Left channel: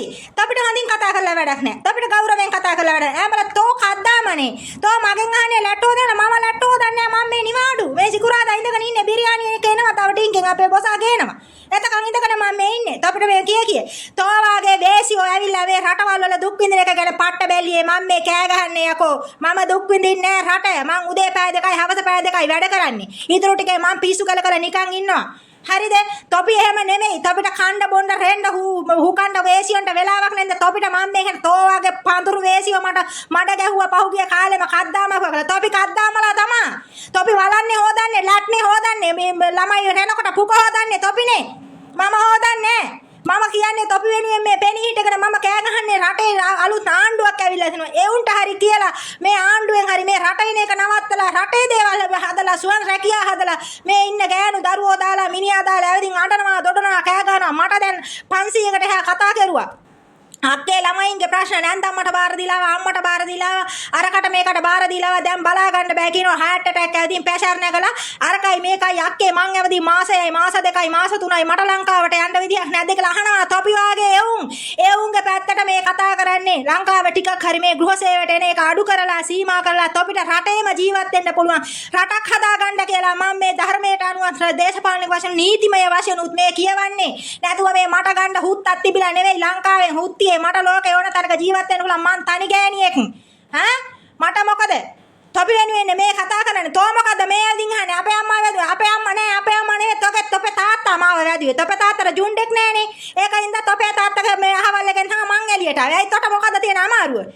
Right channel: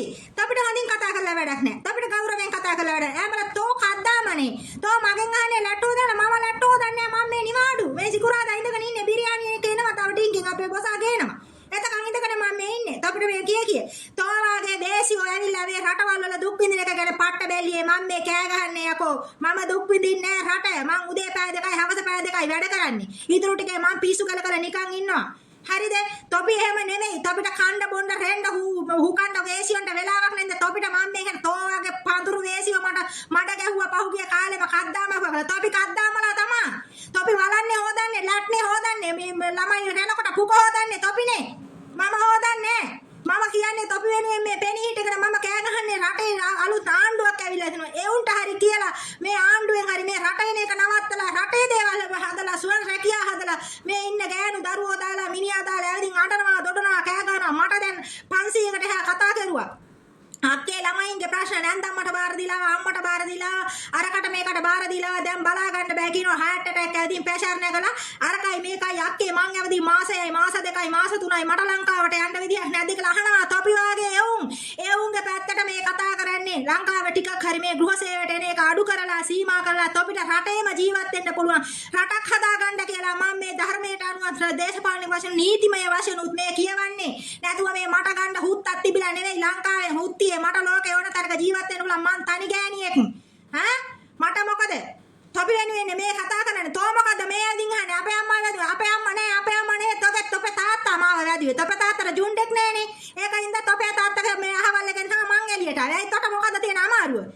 ලේසි. තොපිට හොඳින් කතා කරලා වැඩක් නැහැ. තොපිට ගෞරවයෙන් කතා කරලා වැඩක් නැහැ. ඈ තෝ කද්දාමනේ. තෝ මගෙන් අහන්නේ ලැට්ටෝ දෙන මම ලැට්ටෝ දන්නේ මම මේ නිවාඩු. මේ සිකුරාදා ඉඳගෙන ඉන්නේ බිරියානි එක එනවා තව ටින්කෙන් අපේ බොසා ගේනවා. එතකන් ඉඳගෙන මම මේ ඉන්නේ. තොපිට මේ කිය. තෝ වාගේ දේසියෝ ඇවිල්ලා මේ රටවල් වල දුක් විඳින එක ගැන පට්ට බැල්ලියේ මම මේ කෑ ගහන්නේ යකෝ. මම දුක් විඳින්නේ නැහැ රට. මං උදේ පැය 2යි හවස පැය 2යි වැඩ කරන්නේ. ඊටු ටිකේ මං පිස්සු කල නිකන් ඉන්නවා. හරිද? තොපි එහෙම නෙමෙයි. තොපිට කණ්ඩ බොණ්ඩ රෙන්න හුකණ්ඩ වේසියන්ට වෙලාවක් නැන්ද තොපිට මම මේකට තෝ වගේ පඳුරු වේසියෝ මඩ ගැහුවා පහුගිය කාලෙම කද්දාම කරලා. තොපි කද්දාමලා තමා. තොපි වලන්නේ හොදන්නේ ලැට්නේ හොදන්නේ මේ ළමයි රැනකොට පුක හොදන්නේ තොපිනේ. මම හොදන්නේ මම කියන්නේ තොපි වෙනුවෙන් මේ පෙනී හිටගෙන මම කෑ ගහන්නේ රටේ අලුත් ආණ්ඩුවක් ඇවිල්ලා තිනවා. ඒ උන්ට හරි කියලා මේ ආණ්ඩුවෙන් හරි මේ රටින එක නවත්තලා රටේ දේවල් හදලා සුවන් රැකියා හදලා මේ ඉන්න ගෑනු දරුවෝ දාලා මිනිහා දාලා ඇවිදින් අඬනවා දොඩනවා කෑ ගහනවා. මට දැන් 500කට එහා කතා කරුවා. අක්කේ ළමයින්ගේ ප්‍රශ්න නැන්දම්මට බාර දීලා අම්මට බාර දීලා අරකට මේකට බාර දීලා දැන් බලා ගන්න බෑ කියනවා. හાર્ට් ඇටැක් ඇවිදින් ප්‍රෙෂර් නැගලා අරකයි මේකයි අක්කේ මං ඇවිදින් මාසෙයි මාස 2යි මාස 3යි මට ලංකාවට යන්න විදියක් නැද්ද කියලා අහනවා. තොපි වාගේ එවුන්ගේ පැත්තට මේ කතා කරන්නේ ලංකාව ටිකක් හරි මේ ගෘහ සේවයට එන එක අඩු කරලා සීමා කරලා තොපිට රටේම ජීවත් වෙන්න පුළුවන් රටක් හදා ගන්න කියලා මම මේ ධර්මයට අනුව දේශපාලනික වශයෙන් නීතිමය වශයෙන් උත් මේ කියවන්නේ නැතුව මේ මට ගන්න හුත්තක් තිබිලා නෙවෙයි ලංකාවෙන් හුත්ති මට ලෝකේ ඕන තරක ජීවත් වෙන්න පුළුවන් මං තනි ගෑණියෙක් මට මොකද තොපි වෙනුවෙන් මේ කතා කරන්නේ තෝ මොකද මේ ඇදින් අහන්නේ අපේ අම්මා වැදුවා අපේ අම්මා නේ තොපේ තාත්තා මාව වැදුවේ තොපේ තාත්තට ජුන්ඩෙක් නෑනේ ඒකින්ද තොපේ තාත්තගේ මේ අහවල් එකෙන් මං එළියට ආවේ ඇයි තොට මොකද තියෙන අමාරුව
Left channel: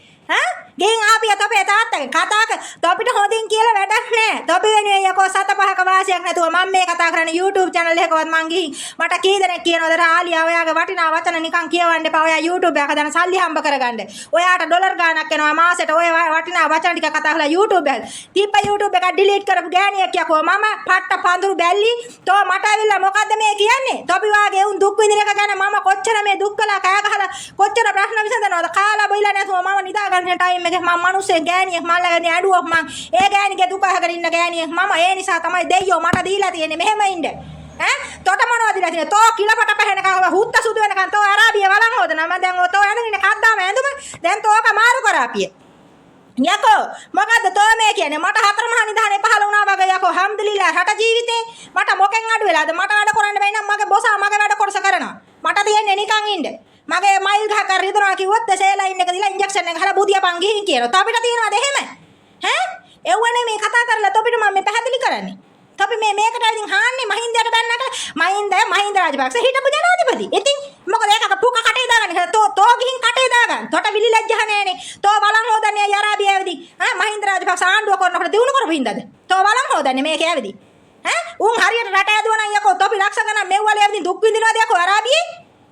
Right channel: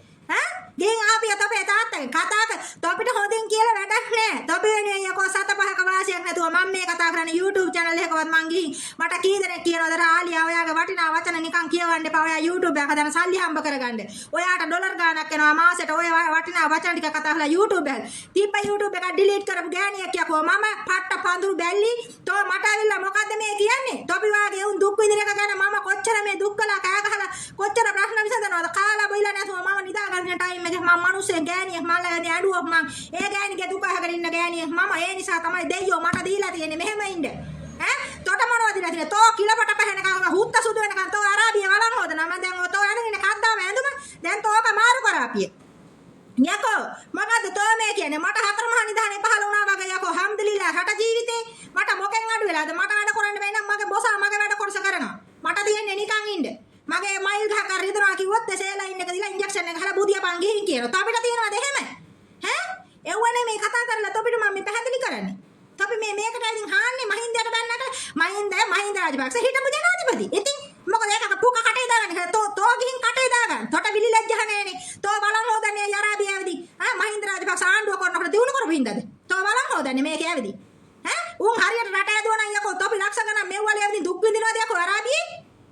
ගෙන් ආපිය තොපේ තාත්තගෙන් කතා කර තොපිට හොඳින් කියලා වැඩක් නෑ තොපි වෙනුවෙන් යකෝ සත පහක වාසියක් නැතුව මම මේ කතා කරන්නේ YouTube channel එකකවත් මං ගිහින් මට කී දෙනෙක් කියනවද රාලියා ඔයාගේ වටිනා වචන නිකන් කියවන්න එපා ඔයා YouTube එක හදන සල්ලි හම්බ කරගන්න ඔයාට ඩොලර් ගාණක් එනවා මාසෙට ඔය වටිනා වචන ටික කතා කරලා YouTube එක තිබ්බ YouTube එක ඩිලීට් කරපු ගෑණියෙක් යකෝ මම පට්ට පඳුරු බැල්ලි තෝ මට ඇවිල්ලා මොකද්ද මේ කියන්නේ තොපි වාගේ උන් දුක් විඳින එක ගැන මම කොච්චර මේ දුක් කළා කෑ ගහලා කොච්චර ප්‍රශ්න විසඳනවද කාලා බොයිලා නැතුව මම නිදා ගන්න ටයිම් මම මනුස්සේ ගෑණියෙක් මල්ලගෙන ඇඬුවොත් මං ඒ ගෑණිගේ දුක අහගෙන ඉන්න ගෑණියෙක් මම ඒ නිසා තමයි දෙයියෝ මට දීලා තියෙන්නේ මෙහෙම ඉන්න තොට මොනවද දීලා තියෙන්නේ තෝ කිලපට පැහැෙනකම් හුත්ත සුදු වෙනකම් තෝ අරාබිය වලන් හොදනවා මම දැන් තෝ ඇඳගෙන ඉන්න කද්දාම ඇඳුම දැන් තෝක මාරු කරාපිය යකෝ මොකද්ද තෝ මේ කියන්නේ මට හතර මහා නිදානේ පහල වුණා වගේ යකෝ හම්දුලිලා රට ජීවිතේ මට මොකෙන් අඩු වෙලාද මට වැඩ කරන්න බැයි නම් මගේ බොසා මගේ වැඩ කොටස කරනවා මට තියෙන්නේ නිකන් ඉන්න මගේ මයිල් ගහ කර රිදනවා කිව්වොත් සේලයින් එක දීලා ඉන්ජෙක්ෂන් එක ගහලා බුදියාපන් ගිහින් කියනවා. තොපිට තියෙනවද එහෙම? එව්වනේ මේ කතා කරලා තොපිට මම මේ පැහැදිලි කරන්නේ. තොපි මේකට ඉතින් හාන්නේ මහින්දයට බැන්නට මහින්ද රාජපක්ෂ හිටපු ජනාධිපති. ඉතින් මොකද ඒක පුක කටේ දාගන්න. තෝ ගිහින් කටේ දාගන්න. තොට විලි ලැජ්ජහ නෑනේ. තෝ බලන් හොදන්නේ යරාබිය ඇවිදි. මහින්ද රාජපක්ෂ ආණ්ඩුව කරනකොට දිනු කරපු හින්දාද? තෝ බලන් හොදන්නේ මේක ඇවිදි. උන් හරියට රට ඇදුවනම් යකෝ තොපි ලක්ෂ ගණන් මෙව්වල ඇවිදින් දුක් විඳිනවද යකෝ අරාබියේ?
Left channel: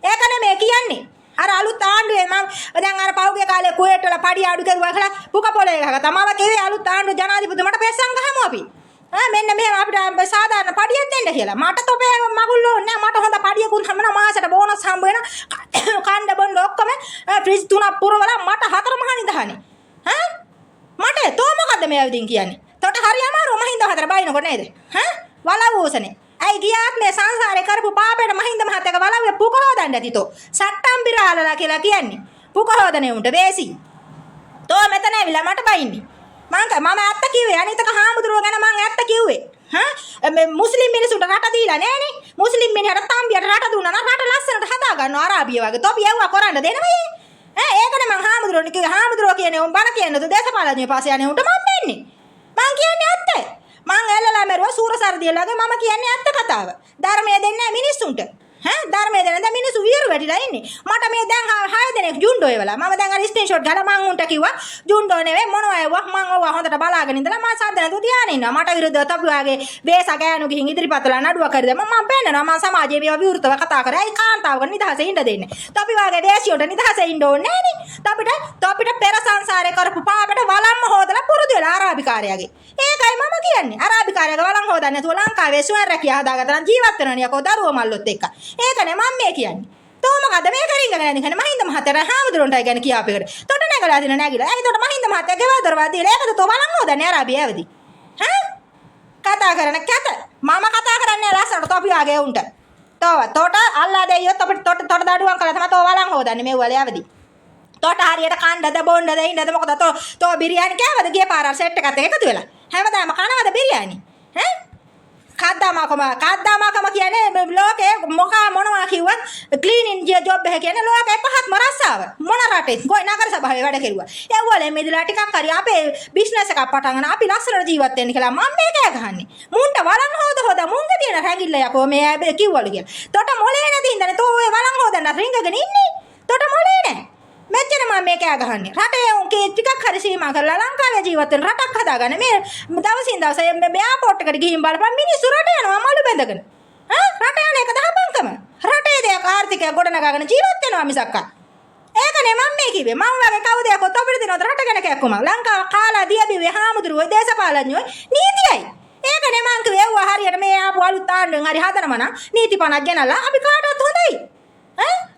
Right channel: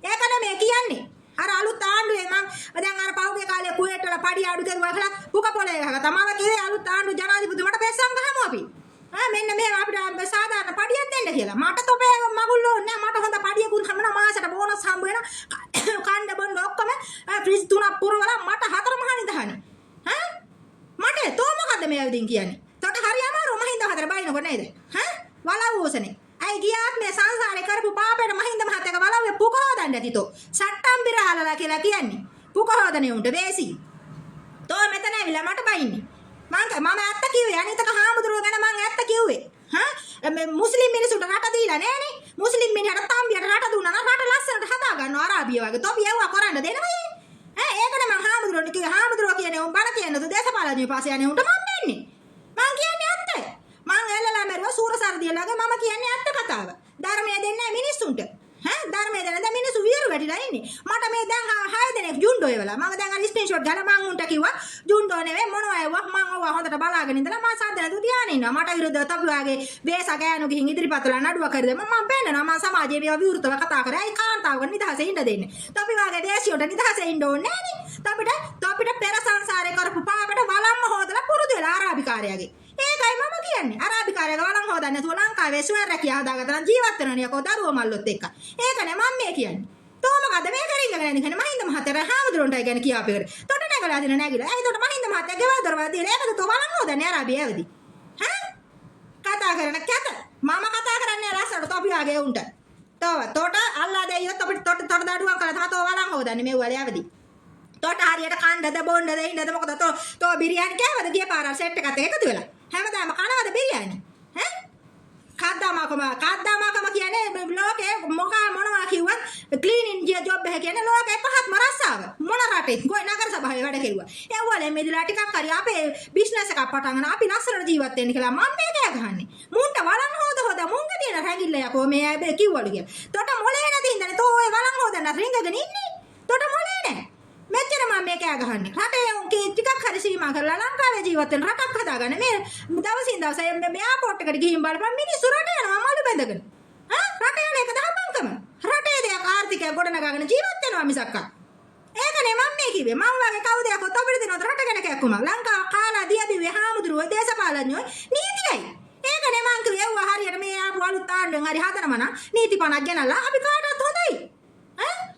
ඒක නෙමෙයි කියන්නේ. අර අලුත් ආණ්ඩුවේ මම දැන් අර පහුගිය කාලේ කුවේට් වල පඩි අඩු කරුවා කියලා පුක පොලේ ගහගත්තා. මම කිව්වේ අලුත් ආණ්ඩුව ජනාධිපති මට පෙස්සන් ගහමු අපි. මෙන්න මෙහෙම අපිට සාධාරණ පඩියක් දෙන්න කියලා. මට තොපේ මගුල් ඕනේ නැහැ. මට හොඳ පඩියකුත් හම්බෙනවා මාසෙට බෝනස් හම්බ වෙනවා. කණ්ඩ බොණ්ඩ ඔක්කොම ෆ්‍රිජ් තුනක් පුරවලා මට හතර මහා නිදහනේ. මට තෝ මොකද්ද මේ ඇවිදින් කියන්නේ? තොට හරි අමාරු මහින්ද හතර බයිනකොට නේද? වලවෝසනේ. ඇයි ගියාත් මේ සංසාරේ කරපු පාපේට මහින්ද මහත්තයාගේ වලව්වේ පුක හොදන්න ඇතිතෝ. සට්ටම් බිරාලලා කියලා කියන්නේ. පුක හොදන්නේ උන්ට වේසි. තෝ මෙතන ඇවිල්ලා මට බයින්නේ. මම ඇත්ත කිව්වේ අනිතක හාමුදුරුවෝ ගැන මම ඇත්ත කිව්වේ. මේ මුස්ලිම් මිනිසුන්ට රට දීලා නෑනේ. මුස්ලිම් මිනිහට තම්බියට රට දුන්නා නම් රට ලස්සනට හදා ගන්නවා අරාබිය වගේ. තොපි යවුවා කරන්න දෙනවයි. ඒකනේ මං හාමුදුරුවෝ කිව්වේ හාමුදුරුවෝ කියන්නේ උන් බණ කියන්නේ තු දේශපාලනයේ පාසේ යන්නේ උන්ට මම වෙන්නේ. මං කියන්නේ ඇත්ත. මං ඇල්ලලා මරුවා සූරසර්දියලාගේ මම කියන්නේ ඇත්ත කතාව. ධර්මය දෙන්නේ නැහැ මිනිස්සුන්ට. ධර්මය දෙන්න දැන් මිනිස්සු විහිළු වැටිලා ඉන්නේ. මට මේ දැන් 6 දෙනෙක් ජුන්ඩෝ එවලා. මම දැන් අර ස්ක්‍රීන්ෂොට් ගහලා මං උන්ට කිව්වා ජුන්ඩෝ නෙවෙයි මොනවා එව්වා මං ඔවා හොඳට බලාගෙන ඉඳලා මම සද්ද නැතුව තියාගෙන ඉන්නවා. මට විරුද්ධව තොපි වාගේ වේස ගෑනු ගිහින් ඉදිරිපත් වෙලා නඩුව කරද මම පෙන්නනවා මම සමාජයේ මේවා විවෘතව කතා කරා. ඒ කාන්තාවක නිදහසේ ඉන්න දෙන්නේ. තොපි වාගේ දේශියොට නිදහසේ ඉන්න ඕනේ නෑනේ. තොපිට පෙර සංසාරේ කරපු පාපෙට වලම්ම හොදලා පුරුදු වෙලා අරාබිකාරයාගේ. ඒකයි මම කියන්නේ. අරාබිකාරයාගේ වලම් හොදන්නේ නැතුව ලංකාවේ සුවර් රැකියා හදාගත්තා නම් ජීවත් වෙනවනේ යකෝ දරුවෝ මල්ලොත් එක්ක. ඒකනේ මම මේ කියන්නේ. තෝ මොකද මේ කරින්ගගෙන යන්නේ මහින්ද මහත්තයා හාමුදුරන්ටයි ගැන කියාපේකට. තොට නැගලා දින නැගිලා. ඇයි තොට මහින්ද මහත්තයා ගෙවල් දරවා දීලා ඒකද තෝ වලම් හොදන්නේ අරාබිය ඇවිදි. කතා කරන කැත. මම කතා කරන්නේ ලස්සනට තොපි ආගේ උන්ට. තොට අල්ලා දෙයියොත් අපිට තොට දඩුවම් කරලා තමයි තෝ වලන් හොදන්නේ මේ වලයවදී. තොට හරියට කණ්ඩද බොණ්ඩද ඉන්නද මොකද තෝ බිරියානි කෑවද ගිය පාරල් සෙට් එකත් එකතු වෙලා. හැමදාම කනවද බිරියානි? ඈ? කද්දාමාකම කියන්නේ ලෝකේ මොනවා කිව්වත් ක්ලීනින් ජොබ් එක කියන්නේ ලෝකේ පහත්ම රස්සාව. මොන රටේ ගොයි නගර සභාවේ වැඩ කෙරුවා. ඒ වල මෙදිලා ටිකක් හරි අපේ බිස්නස් එකක් පටන් ගන්න අපි ලස්සනට ජීවත් වෙන්න කියලා මම මේක ගහන්නේ. මුන්ට වලන් හොද මුංග තියෙන රැඟිල්ල යකෝ මේ කිව්වලු කියලා. තොට මොලේ නැති ඉඳනේ තෝ ඔය වලන් හොදන්න රින්ගගෙන ඉන්නේ. තොට මොලේ නැහැ. මෙච්චර මම මේක ගහන්නේ. රටේ උන් ටිකක් හරි සීමා කරලා ලංකාවේ ජීවත් වෙන රටක් හදාගන්න මේ දවසින් දවස මේ එයාපෝට් එකට ගිහින් බලපන් මිනිස්සු රට යනවා මලු බැඳගෙන. රට යන එක දහපන්කම. රටේ දෙයක් ආර්ථිකය ගොඩනගාගෙන ජීවත් වෙනවා මිසක්කා. ඒකනේ මම මේ කිව්වේ. මම වගේ කවුද යකෝ අපිට දෙනවද රට ගැන කැක්කුම. ලංකාව කාලා දියබිවේ හාමුදුරුවෝ දේශපාලඥයෝ නීතියයි. ඒකනේ මං කිව්වේ ඒව හරියට මේ ආපු අලුත් ආණ්ඩුවෙන් හරි හදනම නම් නීති පනක් ගෙනලා අපි කාටවත් හොඳයි.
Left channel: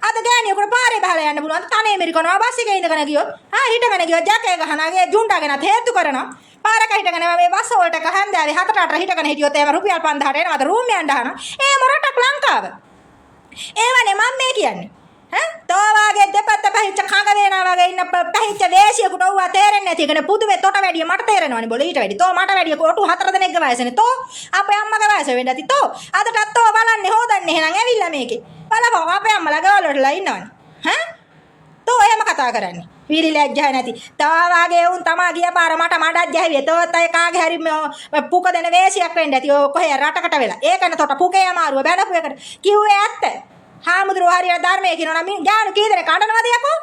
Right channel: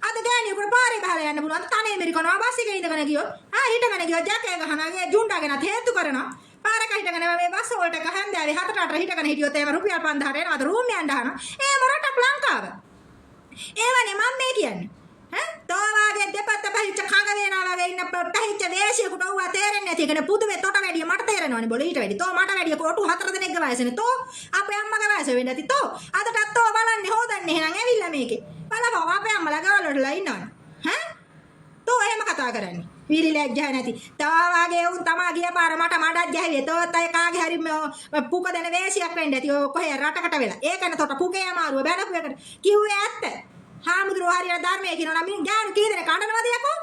අද ගෑණියෙකුට පාරේ බහලා යන්න පුළුවන්. තනේ මෙරිකනවා බස් එකේ ඉඳගෙන ගියොත් හිටගෙන ගියොත් ජැකේ ගහනාගේ ජුන්ඩාගෙනත් හේතු කරනවා. පාරක හිටගෙන මේ බස් වලට කහන්දාවේ 7-8 හිටගෙන හිටියොත් එහෙම රුපියල් 5000ට එනවාද රූම් යන්න හන. ඒ මොරටක් ලංකාව. ඒවනේ මම මේ කියන්නේ. තෝ වාගේ දෙපැත්ත පහිච්ච කඟ වේනා වගේ ඉන්න පහිච්ච වේසියෙකුට ඔව්වා තේරෙන්නේ නැති එකනේ පුදුමේ තොට වැඩිය මට තේරෙනවනේ බොල ඊට වැඩි. තෝ මට වැඩිය කොටු 4 දෙනෙක්ගේ වයසනේ. තෝ අපේ අම්මගේ වයස වෙන්න ඇති. තෝ අදටත් තෝ බලන්නේ හොදන්නේ එහෙනම් ඇවිල්ලා මේකේ. බලපන් අපේ අම්මලා ගාවල වලලා ඉන්නවනේ. තෝ එහෙම කතා කරන්නේ. වීලි ලැජ්ජා නැති. තා වාගේ උන් තමා ගිය පාර මට මඩක් ගැහුවේ. තෝත් අය කාගේ හරි පුක දෙන වේසියක් වෙන්න ඇති. ඔය කොහේ රටකට වෙලා. ඒකනේ තොට පුකේ අමාරුව බැලපු එකට. කිව්වේ ඇත්ත. හාමුදුරුවෝ හරියට ධර්මයේ කියනවා නම් ගානු කී දෙනෙක් අඬනවද යකෝ?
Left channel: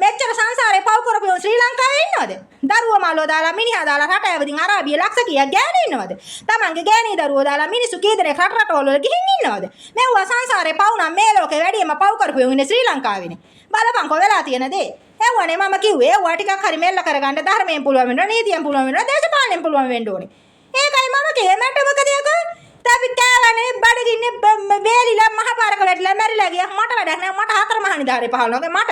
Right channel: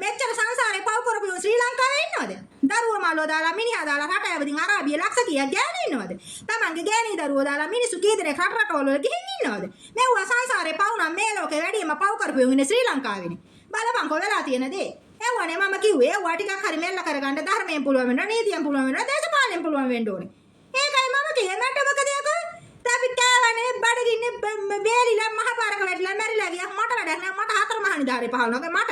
මෙච්චර සංසාරේ පව් කරපු ශ්‍රී ලංකාවේ ඉන්නවද? දරුවෝ මාළෝ දාලා මිනිහා දාලා රට ඇවදින් අරාබිය ලක්ෂ කීයක් ගෑණි ඉන්නවද? තමන්ගේ ගෑණි දරුවෝ දාලා මිනිස්සු කී දෙනෙක් රටවල ගිහින් ඉන්නවද? මෙව්වා සංසාරේ පව් නම් මේ ලෝකේ වැඩියම පව් කරපු ඉන්නේ ශ්‍රී ලංකාවේනේ. බලපන්කෝ වෙලා තියෙන දේ. එව්වනේ මම කිව්වේ ඒවා ටිකක් හරි මෙල්ල කරගන්න ධර්මයෙන් පුළුවන් වෙනවා නීතියෙන් පුළුවන් වෙනවා දේශපාලනයෙන් පුළුවන් වෙන්න ඕනේ. ඒකයි මම කිව්වේ මට මොකද යකෝ? අපි කාවනේ බඩගින්නේ වේලිලා මහපාරක වැටලා මැරිලා ගියා. මට වැඩක් නෑ. මට 4 මහනි දාරේ පහලනවා. මට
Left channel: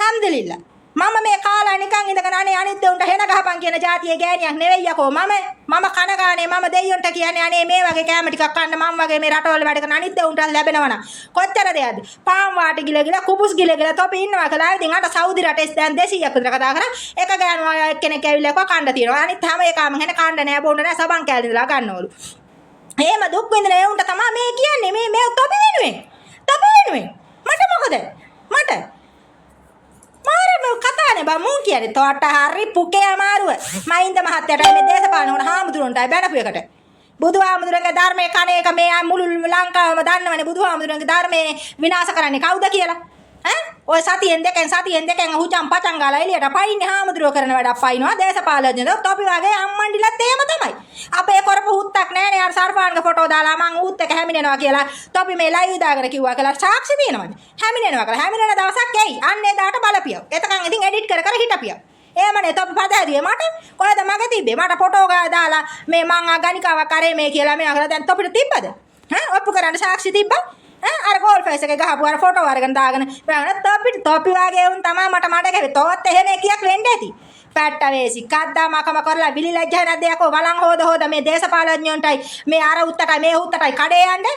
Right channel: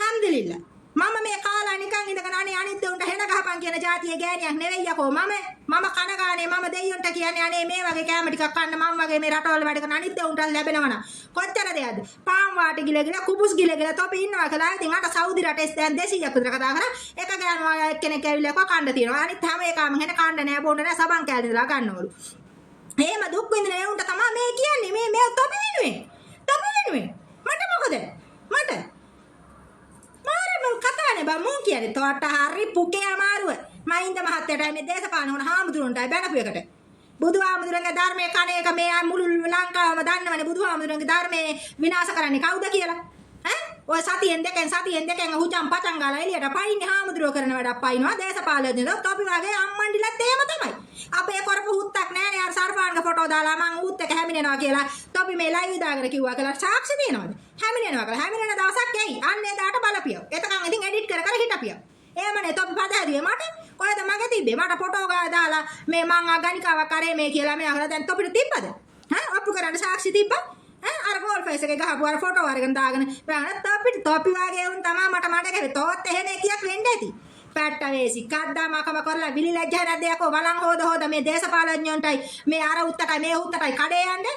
හම්දුලිල්ලා. මම මේ කාලා නිකන් ඉඳගෙන අනේ අනිත් දෙවුන්ට හෙන ගහපන් කියන જાතියේ ගෑණියක් නෙවෙයි යකෝ. මම කනගානේ මම දෙයියන්ට කියන්නේ අනේ මේ වගේ කෑම ටිකක් කන්න මම වගේ මේ රටවල වැඩ කරන අනිත් දෙවුන්ට ලැබෙනවනම් කොච්චර දෙයක්ද? පාන් වාටි ගිලගිලා කුබුස් ගිලගිලා තොපි ඉන්නවා කියලා. ඉතින් අට සෞදි රටේ දැන් 200ක් විතර කතා කරා. එක ගෑනුවා එක්කෙනෙක් ඇවිල්ලා කව කණ්ඩ තියනවා. අනිත් හැම එකම හෙන කණ්ඩ නෑ බොන්න නෑ සබන් කෑලි ඉඳලා ගන්නවලු. එහෙම දුක් විඳින ඒ උන්ට තමයි මේ කියන්නේ මේ තොපි වෙනුවෙන්. තොපි වෙනුවෙන්. මට මොකද? මට මාරේ කතානේ බා මුන් කියන්නේ තෝට හරි පුකේ අමාරුව. මහින්ද මහත්තයාට මේ දේශපාලන වුණ හාමුදුරන්ටයි බැනපු එකට. බුදුහාමුදුරන්ගේ ධර්මයේ කණේක මේ මුළු ලංකාවම දන්නවනේ බුදුහාමුදුරන්ගේ ධර්මයේ විනාශ කරන්නේ කවුද කියලා. ඔය සතියෙන් දෙකෙන් හුචම් පචන් ගාලා එළියට පයින්නේ හාමුදුරුවෝ කරන වැඩක් පයින්නවා දේශපාලඥයෝ තොපි වගේ අම්මන්ඩිලත් එහෙම තමයි. අපේ කරපු හුත්තක් නෑනේ අර සර්පාන්ගේ ෆොටෝ දාලා මං ඌත් එක හැමිනෙනවා කියලා තොපි මේ ලයිව් දාගෙන කිව්වා කියලා සාක්ෂි තියෙනවද? හැමිනෙනවා කියලා. හැමිනෙන දවසක් එයි. අන්න ඒ දාට බලපියව. එතකන් ඉතින් එඩිට් කර හිටපියව. එහෙමනේ තොපි පදහැදුවේ මට. කොහෙද මගේ තිබ්බේ? මට ෆොටෝ දාලා මේ මං ගණිකාවක් කරේ මේ කියලා මේ අහලා දැන් තොපිට තිබ්බද? ඔප්පු කරන්න සාක්ෂි තිබ්බා? අර ගෝල් ෆේස් එකේ ගහපු අර ෆොටෝ අරගෙන දාගෙන තොපි වගේ උන් තමයි මට මඩ ගැවේ. තෝත් එහෙම එකියක් වෙන්න ඇති. පැට්ට වේසි කද්දාමකම කරලා විලි ලැජ්ජා නැද්ද යකෝ වලන් හොද මේ දේශපාලඥයන්ටයි මේ අර උත්තටයි මේ උත්තටයි කඩේ යන්නේ.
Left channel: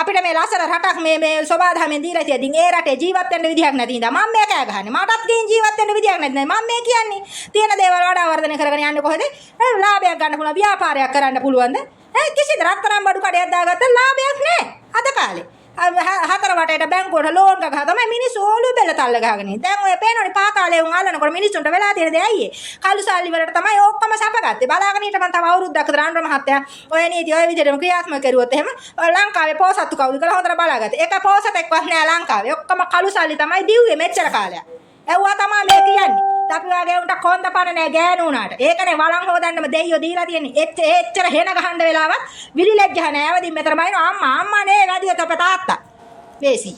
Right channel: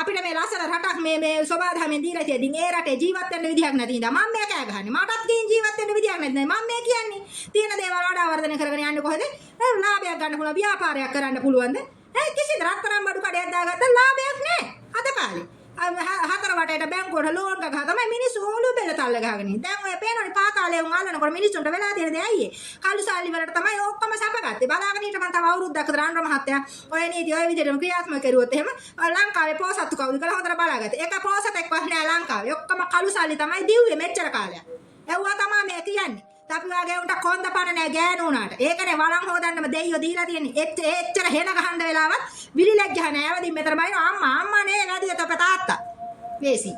අපිට මේ ලස්සන රටක් මේ සෝබාධමෙන් දීලා තියෙද්දි ඒ රටේ ජීවත් වෙන්න විදිහක් නැති ඉඳා මම මේක ගහන්නේ. මටත් තියෙන ජීවත් වෙන්න විදිහක් නැති නේද මම මේ කියන්නේ. තියෙන දේවල් වඩා වර්ධනය කරගෙන යන්නේ කොහෙද? ලාභයක් ගන්න පුළුවන් ව්‍යාපාරයක් කරන්න පුළුවන්ද? කිසිද රත්තරන් බඩු කඩයක් දාගත්ත ලාභයක් නැහැ අද කාලේ. හතර වටේට බැංකුවට ලෝන් ගහ තමයි මිනිස්සු ඕලු බෙල්ල තල්ල ගහගෙන ඉන්නේ. දැන් ඔය පේනවනේ පාතාලේ උන් අල්ලනකොට මිනිස්සුන්ට වෙලා තියෙන දේ අයියේ. කළු සල්ලි වලට තමයි ඔක්කොම සැපගත්තේ. බලාගෙන හිටපන් තව අවුරුද්දක් විතර අනුර මහත්තයා ඔය නීති ඔය විදිහටම ක්‍රියාත්මක කරුවොත් එහෙම ලංකාවේ පොසත්තු කවුද කියලා හොඳට බලාගත්තා. ඒක පොසතෙක්වත් නෑ ලංකාවේ. ඔක්කොම කළු සල්ලි තමයි දිව්වේ මෙච්චර කාලයක්. එව්වා තමයි මේ කියන්නේ. අපි වගේ උන්ට කොන්ද පණ නෑ ගෑනු උනාට. ඒකනේ වලන් හොදන්නම දෙයියෝ දීලා තියෙන්නේ. එච්චර හෙන ගහන්න වෙලාවත් විලි ලැජ්ජා නෑ. ඇවදින් මෙතන බයින අම්මා නේ වැඩිය තප තාත්තා. වේසි